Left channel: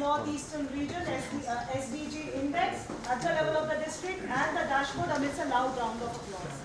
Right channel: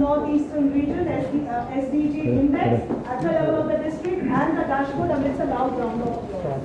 Northeastern Region SDG Index at the level of the district and the dashboard amidst a loud round of applause.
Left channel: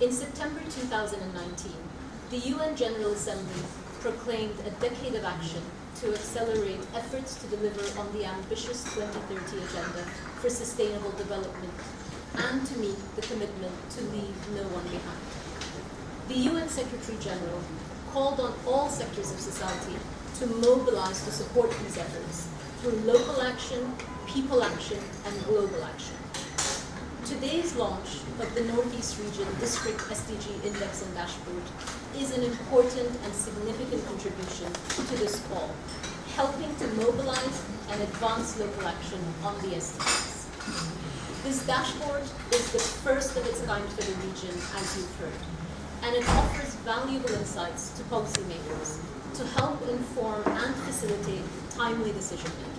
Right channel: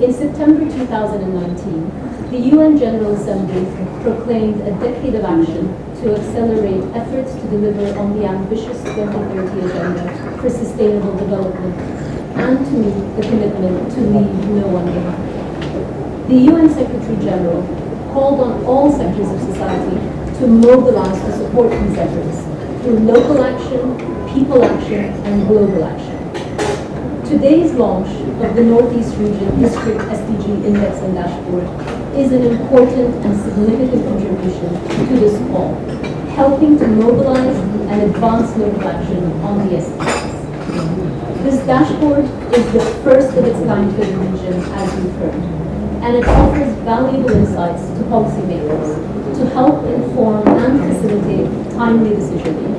In September 2019, the UN General Assembly proclaimed a decade of action to accelerate efforts to deliver on the ambitious 2030 Agenda for Sustainable Development and to meet the commitment to leave no one behind. The UN Secretary General called on all sectors of society to mobilize to support these efforts through local action, people action, and global action. Today's launch of the Northeast Region District SDG Index and Dashboard is an important and significant contribution to this call, helping to mobilize and advance local action on the SDGs. This dashboard is the first of its kind for the region, as you've heard, and it offers valuable insights to policymakers to help inform and facilitate timely decision-making.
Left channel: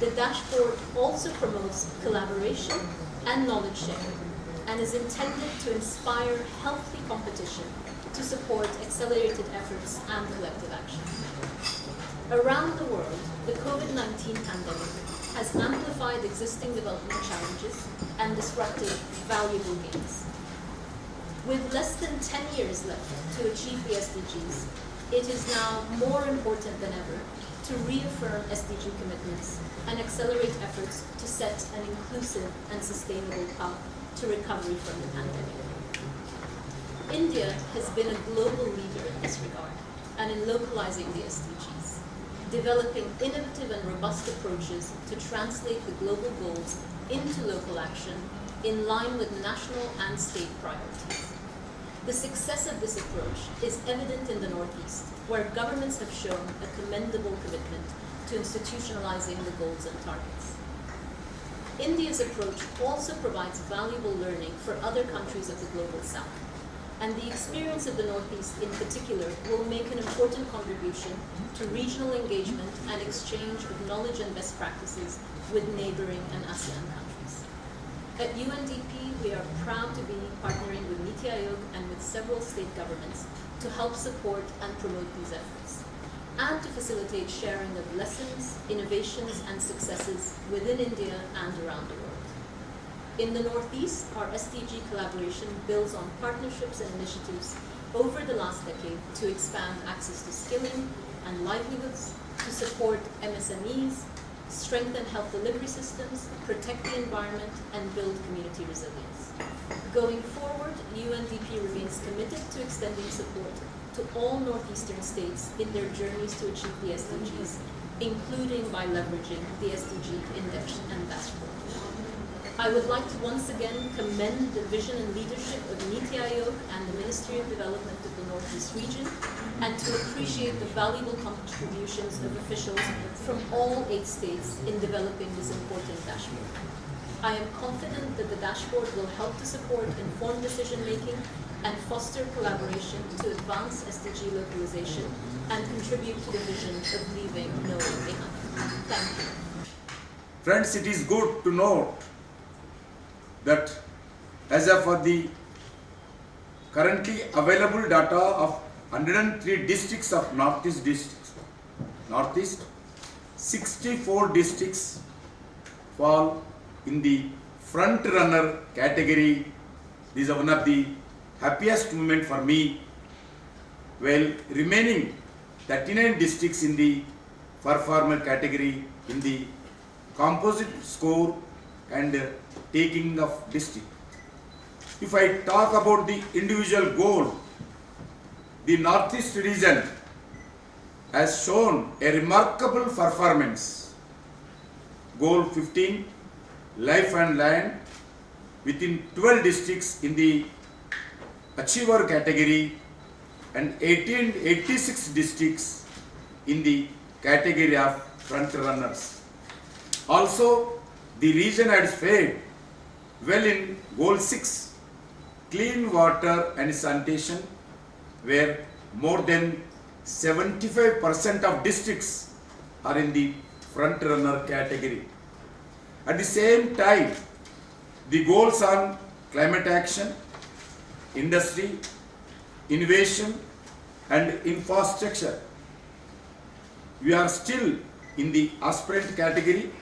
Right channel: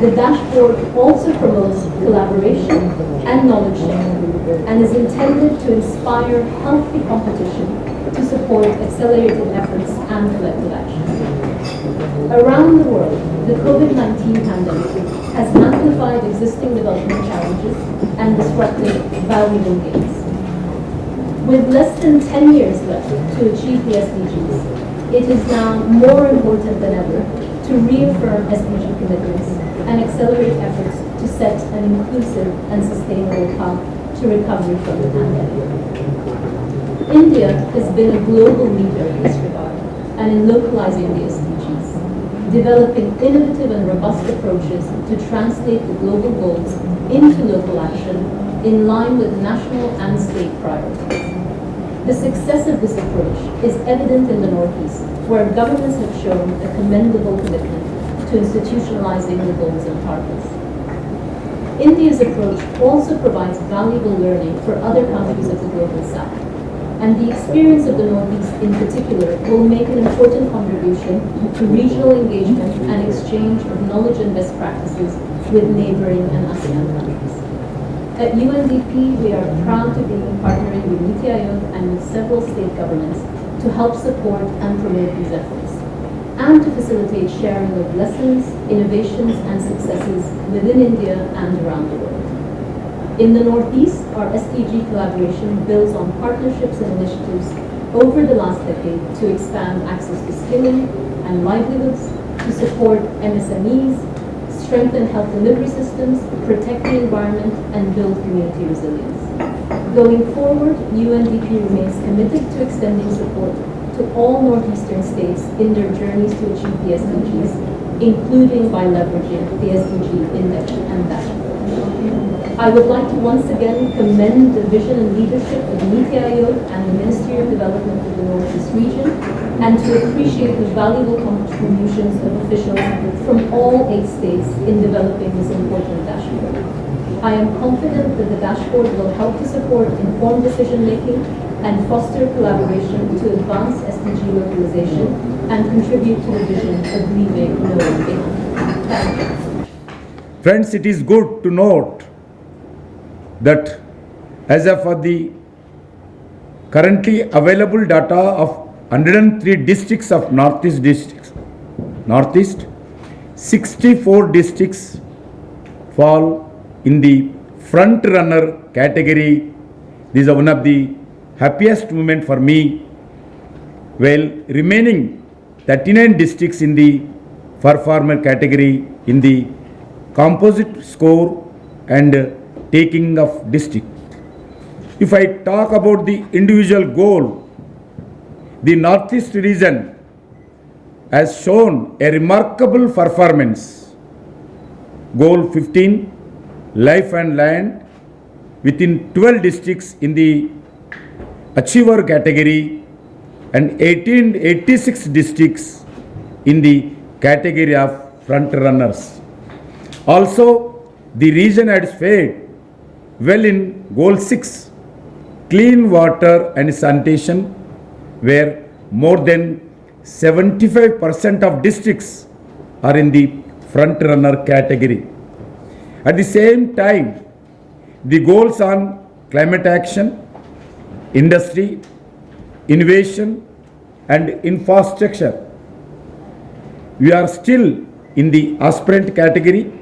The dashboard also promotes collaboration and knowledge sharing and is intended to inspire healthy competition to support accelerated efforts and collective action. Around the world, the COVID-19 pandemic has amplified existing development challenges and disrupted valuable gains. With less than 10 years left to achieve the SDGs, it is now more important than ever to reaffirm SDG commitments and accelerate efforts to set an inclusive and sustainable path to recovery from the pandemic. India has been a global leader in this regard and in localizing the SDGs, developing innovative and robust approaches to translate the global goals into local action in line with national and state priorities. The success of this approach is evident in the Northeast, where governments have shown a commendable commitment to institutionalizing the goals and targets. India's approach also provides valuable learning for other countries of the Global South, and the experience of the Northeast in particular will make an important contribution to regional engagement and exchange of knowledge and best practices with neighboring and ASEAN countries. At UNDP, we are proud to be partnering with NITI Aayog and with several state governments to help support and promote these efforts, and to facilitate sharing of lessons, innovations, and successes within India and around the world. In the Northeast, our SDG collaboration builds on partnerships and initiatives over the last decade to expand access to skilling and livelihoods, to support MSMEs, strengthen health delivery systems, protect the environment, and build community resilience. Going forward, UNDP remains committed to extending support to all Northeastern states in their journeys to achieve the SDGs, including by leveraging the SDG Index and Dashboard. I would like to once again commend the vision and leadership of NITI Aayog and the Ministry of Development of the Northeast region, and to appreciate the valuable contributions of officials from all 8 states in developing this important dashboard. I am confident that the dashboard will help to support informed decision-making and foster collaboration to advance SDG localization and contribute to the vision of leaving no one behind. Thank you. Friends, it is good to note that as of for the currently available data of 103 districts of Northeast, 64 districts fall in the front runner category. This is one of the happiest moment for me, while remaining 39 districts in the performer category in the composite score and taking of district. If I talk about the individual goal, the Northeast region has shown a remarkable performance. Goal 15, life and land, within 12 districts in the achiever category and 86 districts in the category of front runners. Also, the region has fared well in goal 6, clean water and sanitation, where more than 75% of districts are in the front runner category. At the same time, the goals on climate action, industry, innovation and infrastructure, we are still in the aspirant category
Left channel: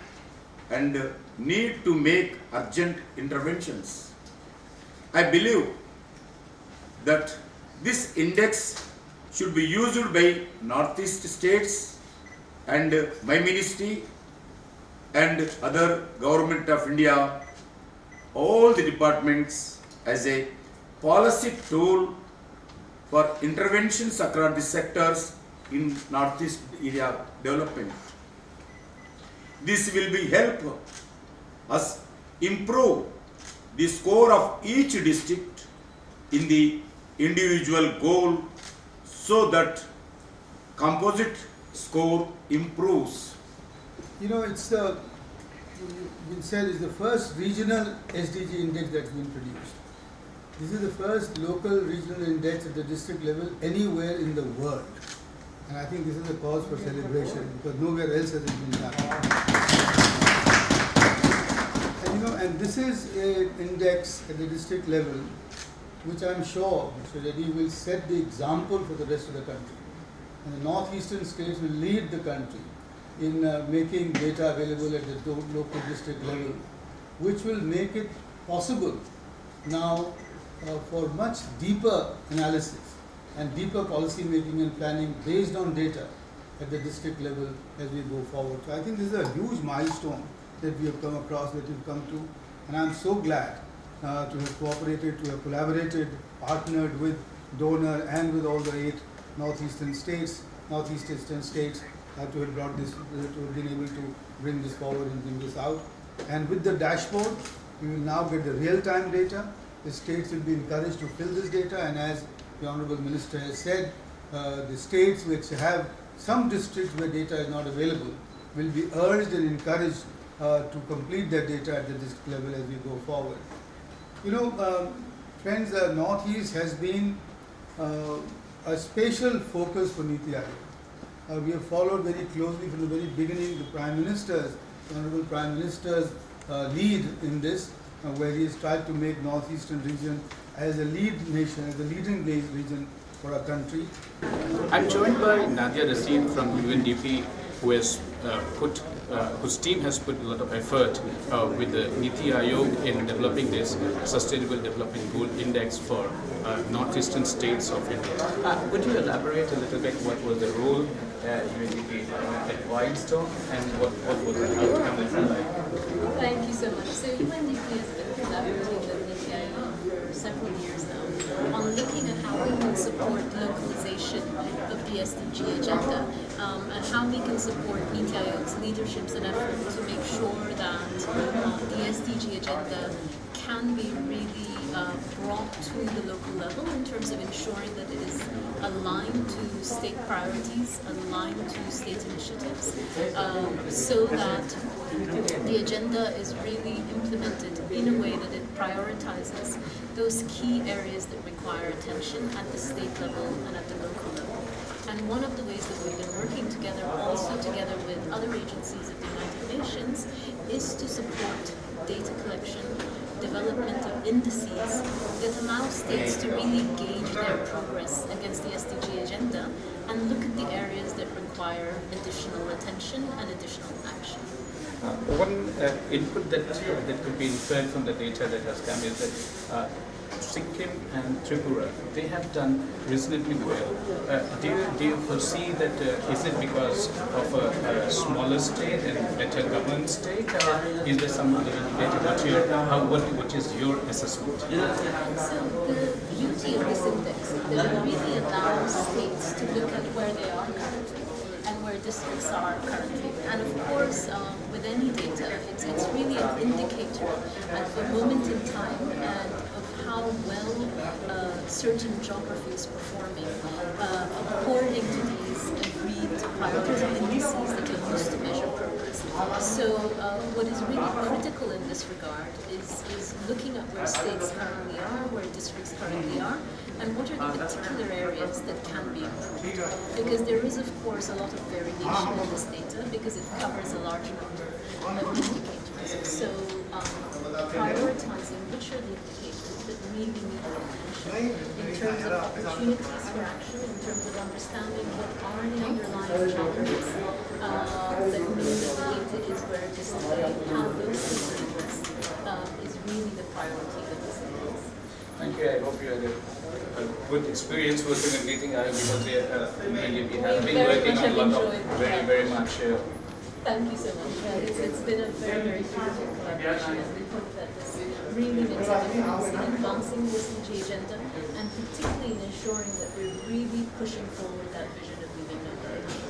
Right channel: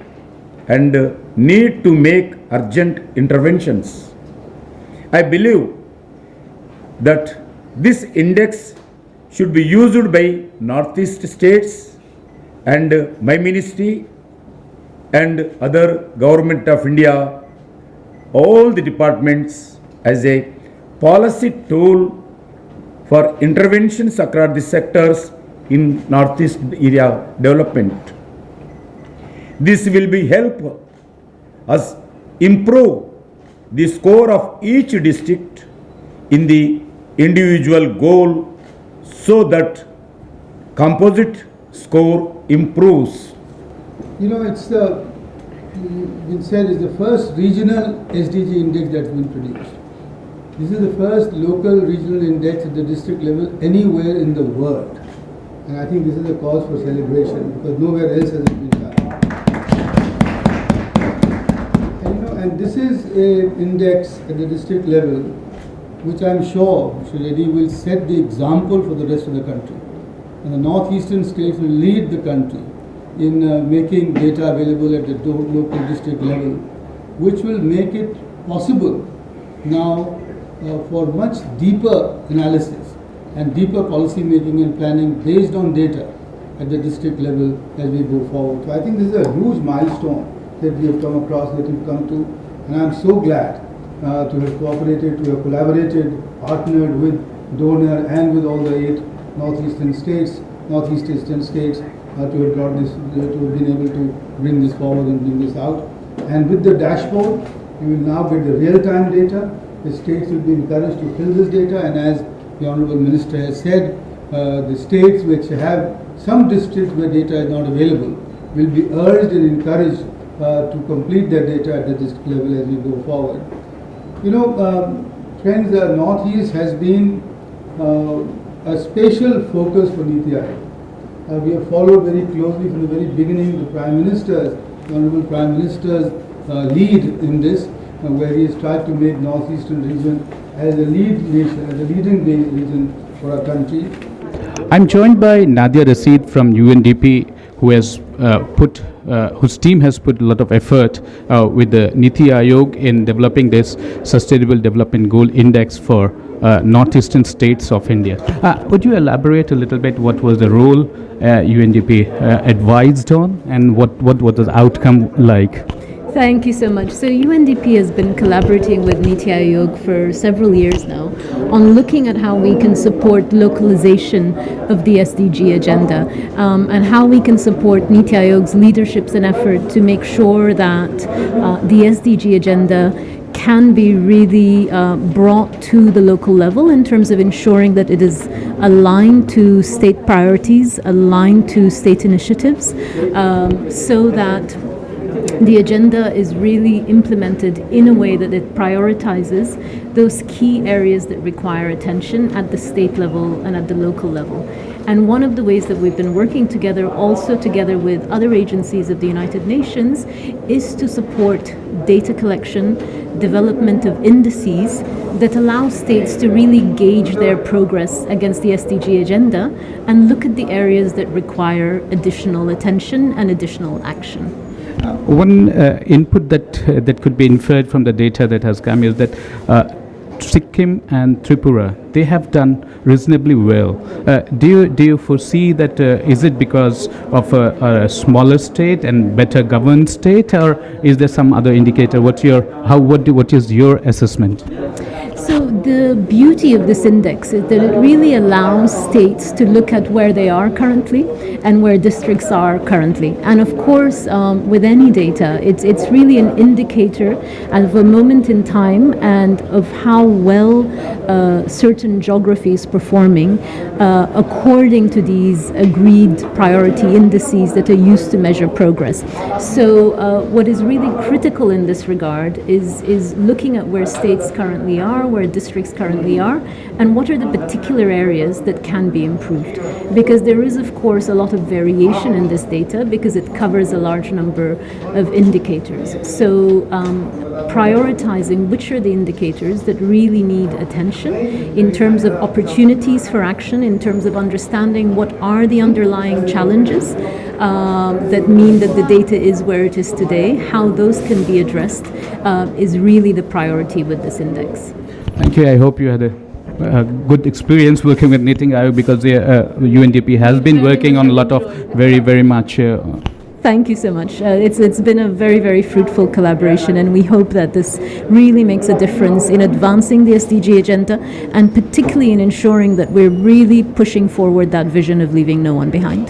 and need to make urgent interventions. I believe that this index should be used by Northeast states and my ministry and other government of India, all the departments, as a policy tool for interventions across the sectors in Northeast area development. This will be help us improve the score of each district in the individual goal so that composite score improves. You know, it's been said it's the first regional SDG index that's been produced. This is the first local regional index at the district level anywhere in the world. And I think this is a cause for celebration because nowhere else has it been done. And, you know, and this is an index at the district level which I'm sure Mr. Reddy will set the example for the rest of the country. And the northeastern states will lead the country in making data available at the local district level, which will make it possible now for much deeper analysis and deeper policy making and planning based on data at the district level as we go forward. So I think this is a huge milestone that we have come across, that we've come to, and I'm so glad to have cooperated, to have collaborated, partnered with donor and with all the 8 northeastern states, to have brought this, to have been able to bring this forward and bring this out. And with the dashboard, you will now get the real-time data. The states will be encouraged to fill this data, and as the Honourable Minister has said, the states which have some districts where data is not available will be urged and encouraged to complete their data at the district level as we go forward. You know, friends, the Northeast has been a special focus for Niti Aayog. We have followed very closely from the very beginning the Honourable Prime Minister's lead in this, where he has tried to make Northeastern region as a lead nation, as a leading region for our country. I'm joined by Nadia Rashid from UNDP, who has whose team has put a lot of effort with the Niti Aayog in developing this Sustainable Development Goal Index for northeastern states of India. Would you elaborate a little bit what was the role UNDP advised on and what was the outcome like? Thank you so much. So UNDP has been collaborating with Niti Aayog for several years now on looking at how we can support localization of the SDG agenda and how we can support Niti Aayog's leaderships and effort to make sure that the SDG agenda can be really brought to the local level in terms of ensuring that it is aligned to state priorities, aligned to state initiatives, so that the agenda is really implemented in a way that it prioritizes those key areas that require attention at the state level and at the local level. And one of the ways that we've been working together, also together with other agencies of the United Nations, is to support data collection, development of indices that allow states to really gauge their progress against the SDG agenda and look at the areas that require additional attention and additional action. One input that could be inferred from the data that has come is that Sikkim and Tripura, they have done reasonably well. Do you foresee that is it because of a smaller state and better governed state, or is there some other indicator? What is your assessment? So the beauty of this index is that it really allows states to look at where they are currently and where districts are currently. And of course, with any data, it's really an indicator of a moment in time and of how well certain geography is performing according to these agreed priority indices that are used to measure progress. So what is really critical in this regard is looking at where states currently are, where districts metrics currently are, and what are the particular areas that can be improved. Because there is, of course, a lot of variation in this data because it covers a large number of indicators. So prioritizing which are the indicators that really need attention in terms of opportunities for action, in terms of understanding what are the underlying challenges that mean that the data is where it is today, how those can be addressed, is really the priority with this index. Thank you. I hope you had a good experience working with Niti Aayog, because the UNDP has been working on a lot of very much. Thank you so much. It's been a very fruitful collaboration, and we hope that this really makes a difference in advancing the SDG agenda, and particularly in ensuring that we're really pushing forward that vision of leaving no one behind.